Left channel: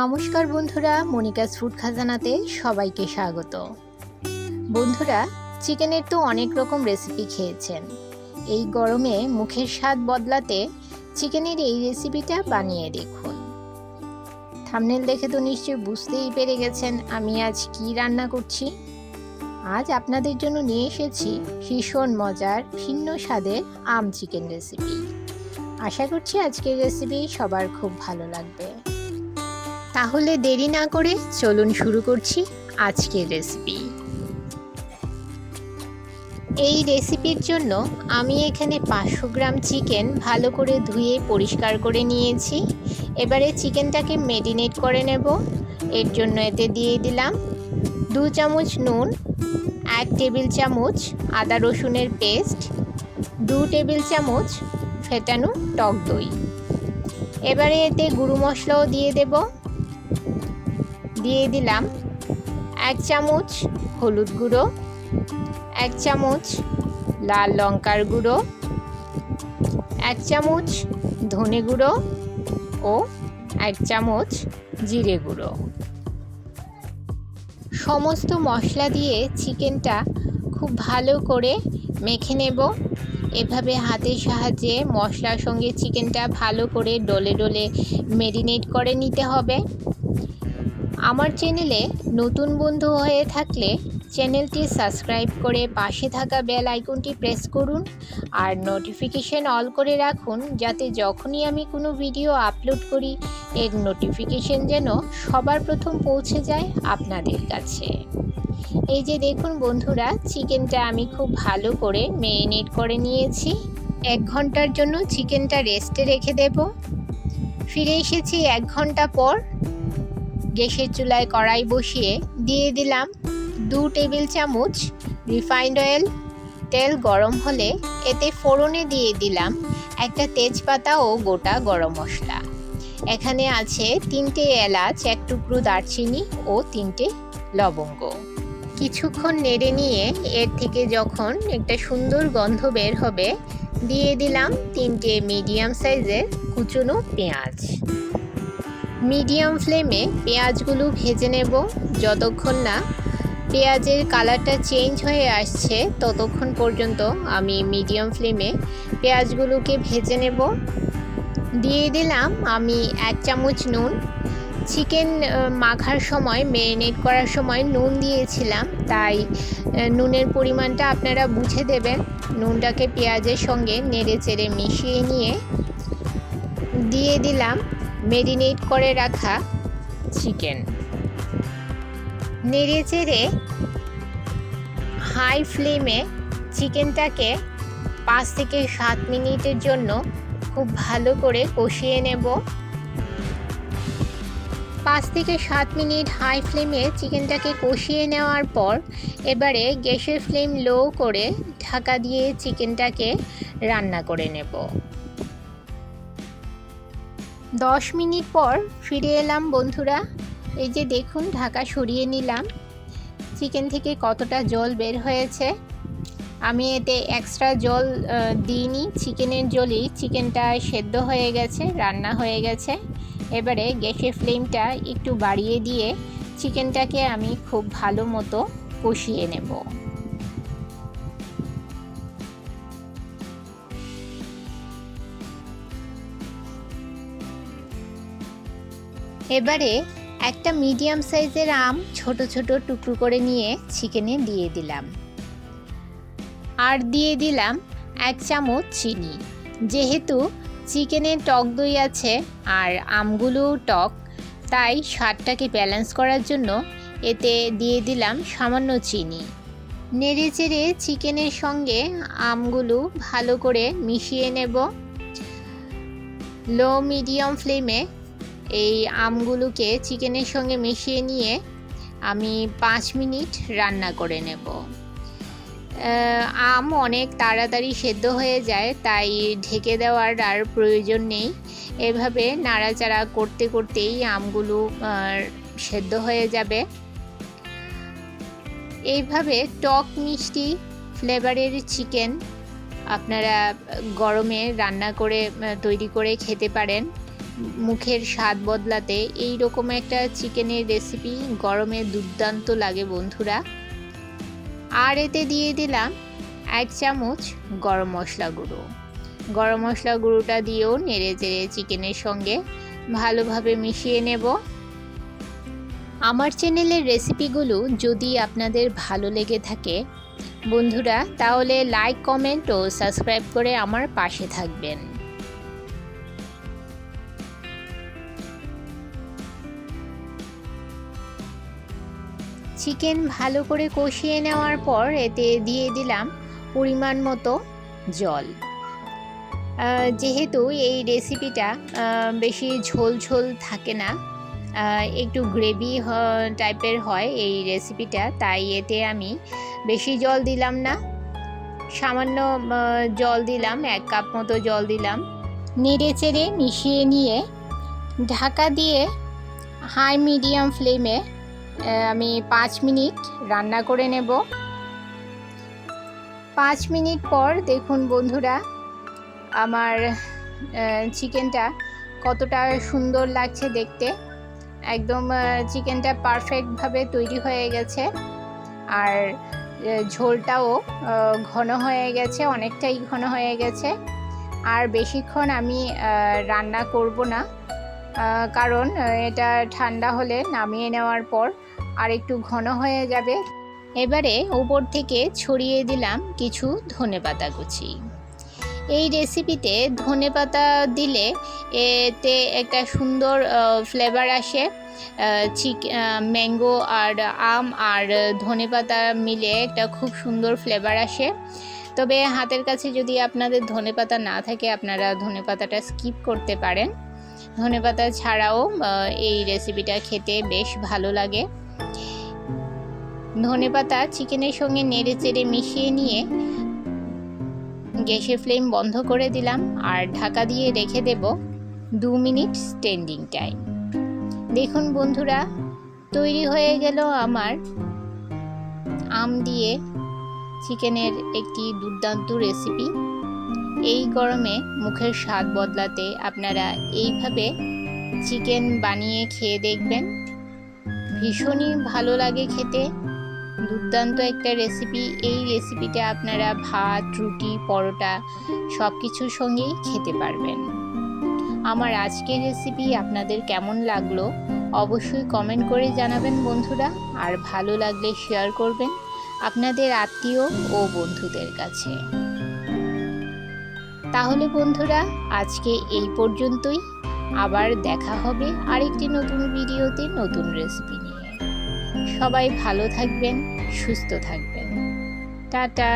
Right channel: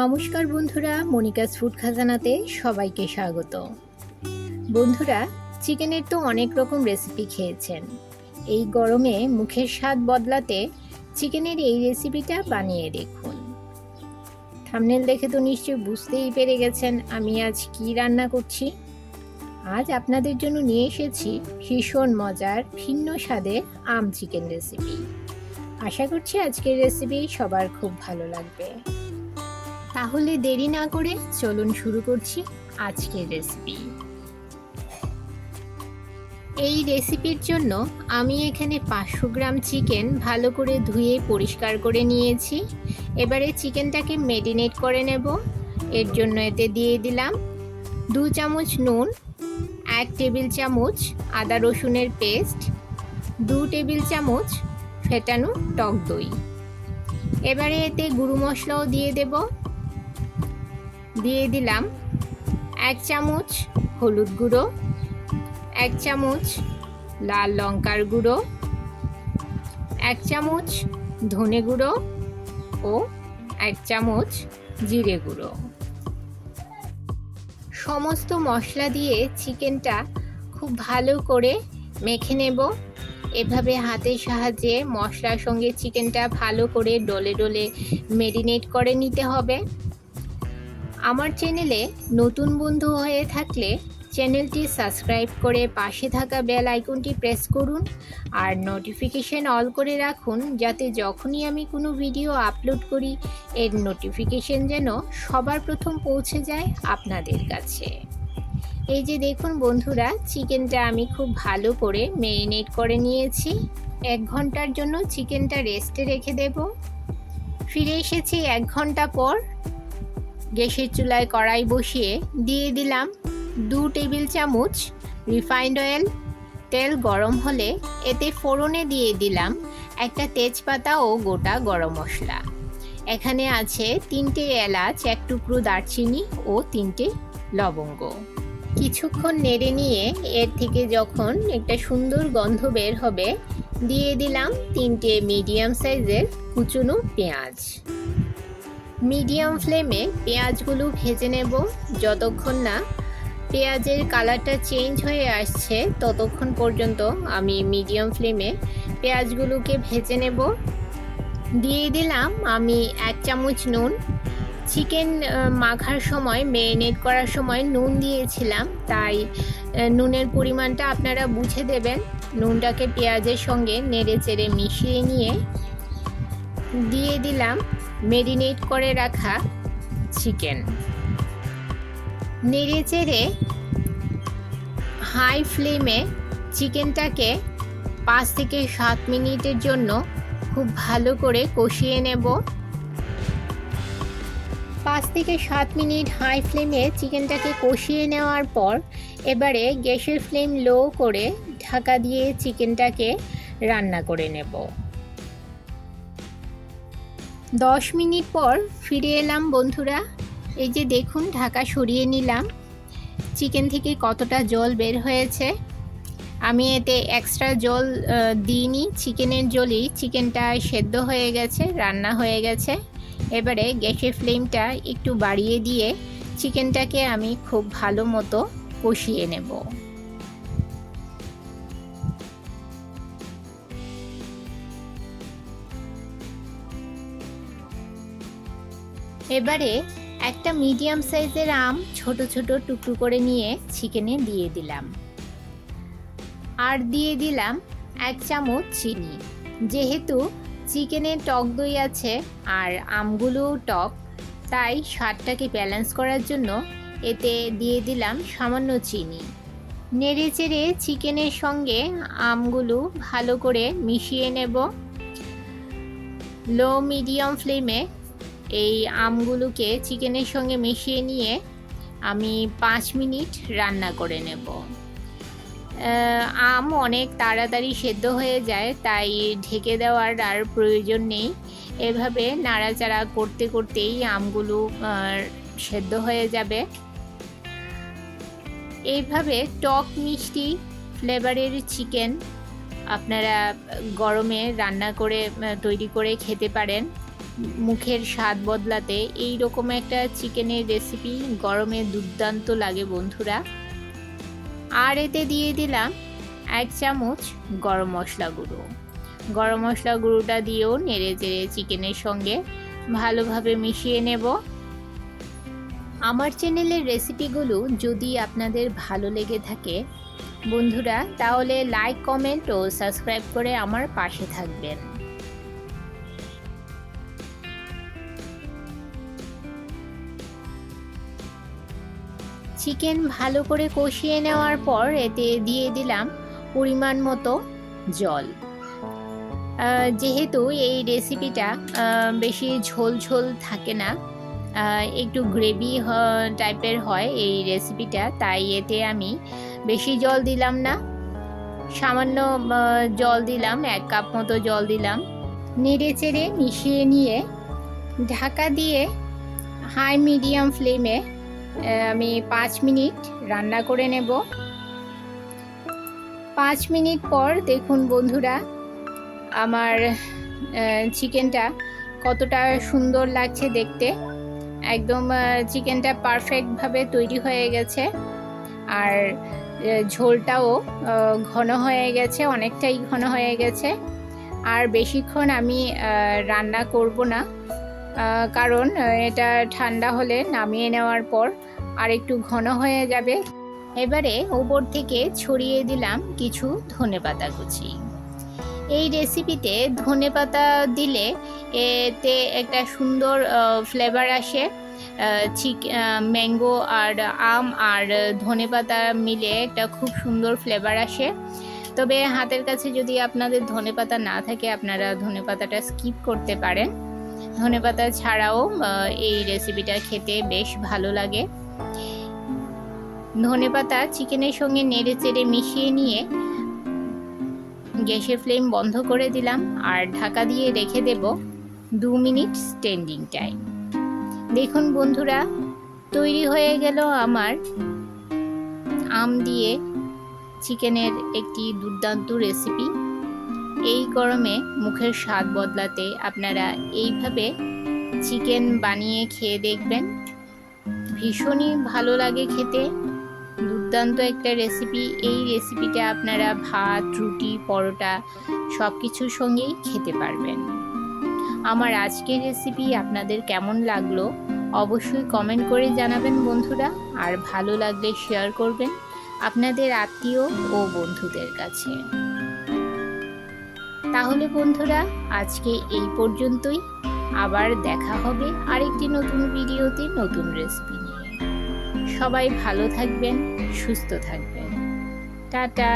নমস্কার বন্ধুরা, Monica's food খাজানাতে সবাইকে স্বাগত। বন্ধুরা, চিকেনের তো অনেক রকম রেসিপি খেয়েছেন। এই গরমে মুখের স্বাদ বদলাতে চিকেনের এই রেসিপিটা বানিয়ে দেখুন। থাম্বনেল দেখে তো নিশ্চয়ই বুঝতেই পেরে গেছেন আমি আজ কি রান্না করছি। আজ আপনাদের জন্য নিয়ে এসেছি ভীষণ মজার ভিন্ন স্বাদের আম চিকেন রেসিপি। আশা করছি আজকের রেসিপি সবার খুব ভালো লাগবে। তাহলে দেরি না করে চলুন শুরু করছি আজকের রেসিপি। এই রেসিপির জন্য আমি এখানে 500 গ্রাম চিকেন ভালো করে ধুয়ে পরিষ্কার করে নিয়েছি। এবারে চিকেনটাকে ম্যারিনেট করে নেব। এর জন্য এতে দিয়ে দিলাম 2 চামচ নুন, 1 টেবিল চামচ আদা রসুনের পেস্ট, 2 টেবিল চামচ ফেটানো টক দই। এবারে এতে গুঁড়ো মশলাও দিয়ে দেব। দিয়ে দিলাম 1 চামচ হলুদ গুঁড়ো, 1 চামচ লাল লঙ্কার গুঁড়ো, 1 চামচ ধনে গুঁড়ো ও 1 চামচ জিরে গুঁড়ো। সমস্ত মশলা দিয়ে চিকেনটা খুব ভালো করে মেখে নেব। এভাবে হাতের সাহায্যে মশলার সঙ্গে চিকেনটা ভালো করে ডলে ডলে ম্যারিনেট করে নিতে হবে। আমার চ্যানেলে নতুন বন্ধু হয়ে থাকলে চ্যানেলটি সাবস্ক্রাইব করে পাশে থাকা বেল আইকনটি প্রেস করুন আর নোটিফিকেশন অল করে রাখুন, যাতে যখনই আমি কোনো ভিডিও আপলোড করি এর নোটিফিকেশন যেন সবার প্রথম পৌঁছে যায় আপনাদের কাছে। এই যে দেখুন বন্ধুরা, চিকেনটা আমি খুব ভালো করে ম্যারিনেট করে নিয়েছি। 1 ঘন্টার জন্য চিকেনটা রেস্টে রেখে দেব। ফিরে এসেছি 1 ঘন্টা পর। গ্যাসের চুলায় কড়াই বসিয়ে দিয়ে দিলাম 2 টেবিল চামচ রিফাইন্ড অয়েল। তেল গরম হলে এতে ফোড়নে দিয়ে দিলাম একটা তেজপাতা ও গোটা গরম মশলা। এখানে আছে 3টে এলাচ, 1 টুকরো দারচিনি ও 3টে লবঙ্গ। কিছুক্ষণ নেড়ে নিয়ে এর থেকে যখন একটা সুন্দর গন্ধ বের হবে দিয়ে দিলাম 3টে মিডিয়াম সাইজের কুচনো পেঁয়াজ। মিডিয়াম ফ্লেমে পেঁয়াজগুলো ভেজে নেব। যতক্ষণ না পেঁয়াজের কালারটা চেঞ্জ হয়ে আসছে ততক্ষণ পর্যন্ত আমি মিডিয়াম ফ্লেমে পেঁয়াজগুলোকে ভেজে নেব। দিয়ে দিলাম আমি 1 চামচ নুন। চিকেন মাখার সময়, ম্যারিনেট করার সময় নুন দিয়েছিলাম, তাই নুনের পরিমাণটা আপনারা বুঝে দেবেন। নুনটাকে পেঁয়াজের সঙ্গে নেড়ে চেড়ে মিশিয়ে নিয়ে দিয়ে দিলাম ম্যারিনেট করে রাখা চিকেন। নেড়ে চেড়ে হাই ফ্লেমে চিকেনটাকে 5 থেকে 7 মিনিটের জন্য খুব ভালো করে কষিয়ে নেব। 5 থেকে 7 মিনিট হাই ফ্লেমে চিকেনটাকে কষিয়ে নেওয়ার পর এবারে গ্যাসের ফ্লেম লো করে ঢাকা দিয়ে চিকেনটাকে রান্না করে নেব। 10 মিনিট পর ফিরে এলাম বন্ধুরা। এই যে দেখুন, ঢাকা সরিয়ে নিলাম। চিকেন থেকে কতটা জল বের হয়েছে। আমি এতে এক্সট্রা জল দিইনি, চিকেনের জলেই চিকেনটা সেদ্ধ হয়ে গেছে, রান্না হয়ে গেছে। এবারে গ্যাসের ফ্লেমটা একটু বাড়িয়ে দিয়ে চিকেনটাকে আমি খুব ভালো মতো কষিয়ে নেব। এবারে একটা মিডিয়াম সাইজের আম ছোট ছোট টুকরো করে নিয়ে চিকেনে দিয়ে দিলাম। আর দিয়ে দিলাম 1 চামচ চিনি। যেহেতু চিকেনে টক দই আছে আর আমগুলোও টক, তাই স্বাদটাকে ব্যালেন্স করার জন্য এতে দিয়ে দিলাম সামান্য চিনি। নেড়ে চেড়ে চিকেনের সঙ্গে আমগুলো ভালো করে মিশিয়ে নেব। লো মিডিয়াম ফ্লেমে এই আমগুলোকে চিকেনের সঙ্গে মিশিয়ে নিয়ে আমি 5 মিনিট রান্না করে নেব। আম অনেক তাড়াতাড়ি সেদ্ধ হয়ে যায়, তাই ঢেকে দেওয়ার আর প্রয়োজন নেই। এভাবে নাড়াচাড়া করতে করতেই আমগুলো সেদ্ধ হয়ে যাবে। এইভাবে টক মিষ্টি ফ্লেভারের চিকেন আপনারা গরমে রান্না করে তৈরি করে খেতে পারেন। মুখের স্বাদ বদলাতে এই রকম একটা চিকেনের রেসিপি গরমে দুর্দান্ত লাগে বন্ধুরা। আর এতে দিয়ে দিলাম 1 চামচ গরম মশলা গুঁড়ো। গরম মশলা গুঁড়োটা দিয়েও নেড়ে চেড়ে চিকেনের সঙ্গে ভালোভাবে মিশিয়ে নেব। আমার চ্যানেলের রেসিপিগুলো যদি আপনাদের ভালো লেগে থাকে বন্ধুরা, তাহলে লাইক, কমেন্ট ও সাবস্ক্রাইব করে আমার পাশে থাকবেন। চিকেন ভালো করে কষিয়ে নেওয়ার পর এতে দিয়ে দিলাম পরিমাণ মতো জল। যেহেতু এই রেসিপিটা বেশি ঝোল ঝোল থাকে না, একটু গ্রেভি টাইপের হয় এই রেসিপিটা, তাই এতে আমি বেশি জল দিলাম না, সামান্য জল দিলাম, 1 কাপ মতো জল দিলাম। নেড়ে চেড়ে মিশিয়ে নিয়ে ঢাকা দিয়ে হাই মিডিয়াম ফ্লেমে আমি 5 মিনিট রান্না করে নেব। 5 মিনিট পর দেখুন বন্ধুরা, আমার চিকেনটা কতটা সুন্দর লাগছে দেখতে। একদম চিকেনটা পারফেক্টভাবে তৈরি হয়ে গেছে, আর ঝোলটাও ঘন হয়ে গেছে, অনেকটাই ঘন হয়ে গেছে। আর বেশিক্ষণ আমি রান্না করব না, কারণ এটা ঠান্ডা হলে নামিয়ে নেওয়ার পর আর একটু ঘন হয়ে যাবে। এবারে উপর থেকে ছড়িয়ে দিলাম কিছু ধনেপাতা কুচি। এই রেসিপিতে ধনেপাতা দিলে এতে একটা সুন্দর ফ্লেভার আসে। ম্যাঙ্গো আর আম আর ধনেপাতা মিলে একটা খুব সুন্দর ফ্লেভার আসে। তবে হাতের কাছে যদি আপনাদের ধনেপাতা না থাকে আপনারা ধনেপাতাটা স্কিপ করতে পারেন। ধনেপাতা ছাড়াও এই রেসিপিটা খেতে বেশ ভালো লাগে। ধনেপাতা চিকেনের সঙ্গে নেড়ে চেড়ে মিশিয়ে নিয়ে গ্যাসের ফ্লেম বন্ধ করে দিলাম আর ঢাকা দিয়ে রেখে দেব 2 মিনিট স্ট্যান্ডিং টাইম। দেখুন বন্ধুরা, তৈরি হয়ে গেল আমার আম দিয়ে চিকেনের একটি দুর্দান্ত রেসিপি। এই গরমে মুখের স্বাদ বদলাতে আপনারা এইভাবে চিকেন বানিয়ে খেয়ে দেখবেন, ভীষণই ভালো লাগে খেতে। দুর্দান্ত একটা রেসিপি। এই রেসিপিটা আপনারা ভাত, রুটি, পরোটা সব কিছুর সঙ্গেই খেতে পারবেন। আমার আজকের রেসিপি আপনাদের কেমন লাগলো অবশ্যই কমেন্ট করে জানাবেন বন্ধুরা, আর ভালো লাগলে শেয়ার করবেন আপনাদের আত্মীয় ও বন্ধুদের কাছে। তাহলে বন্ধুরা, আজকে এই পর্যন্তই। আবার দেখা হবে আরেকটি নতুন ভিডিওতে নতুন রেসিপি নিয়ে। সবাই ভালো থাকবেন, সুস্থ থাকবেন। টাটা।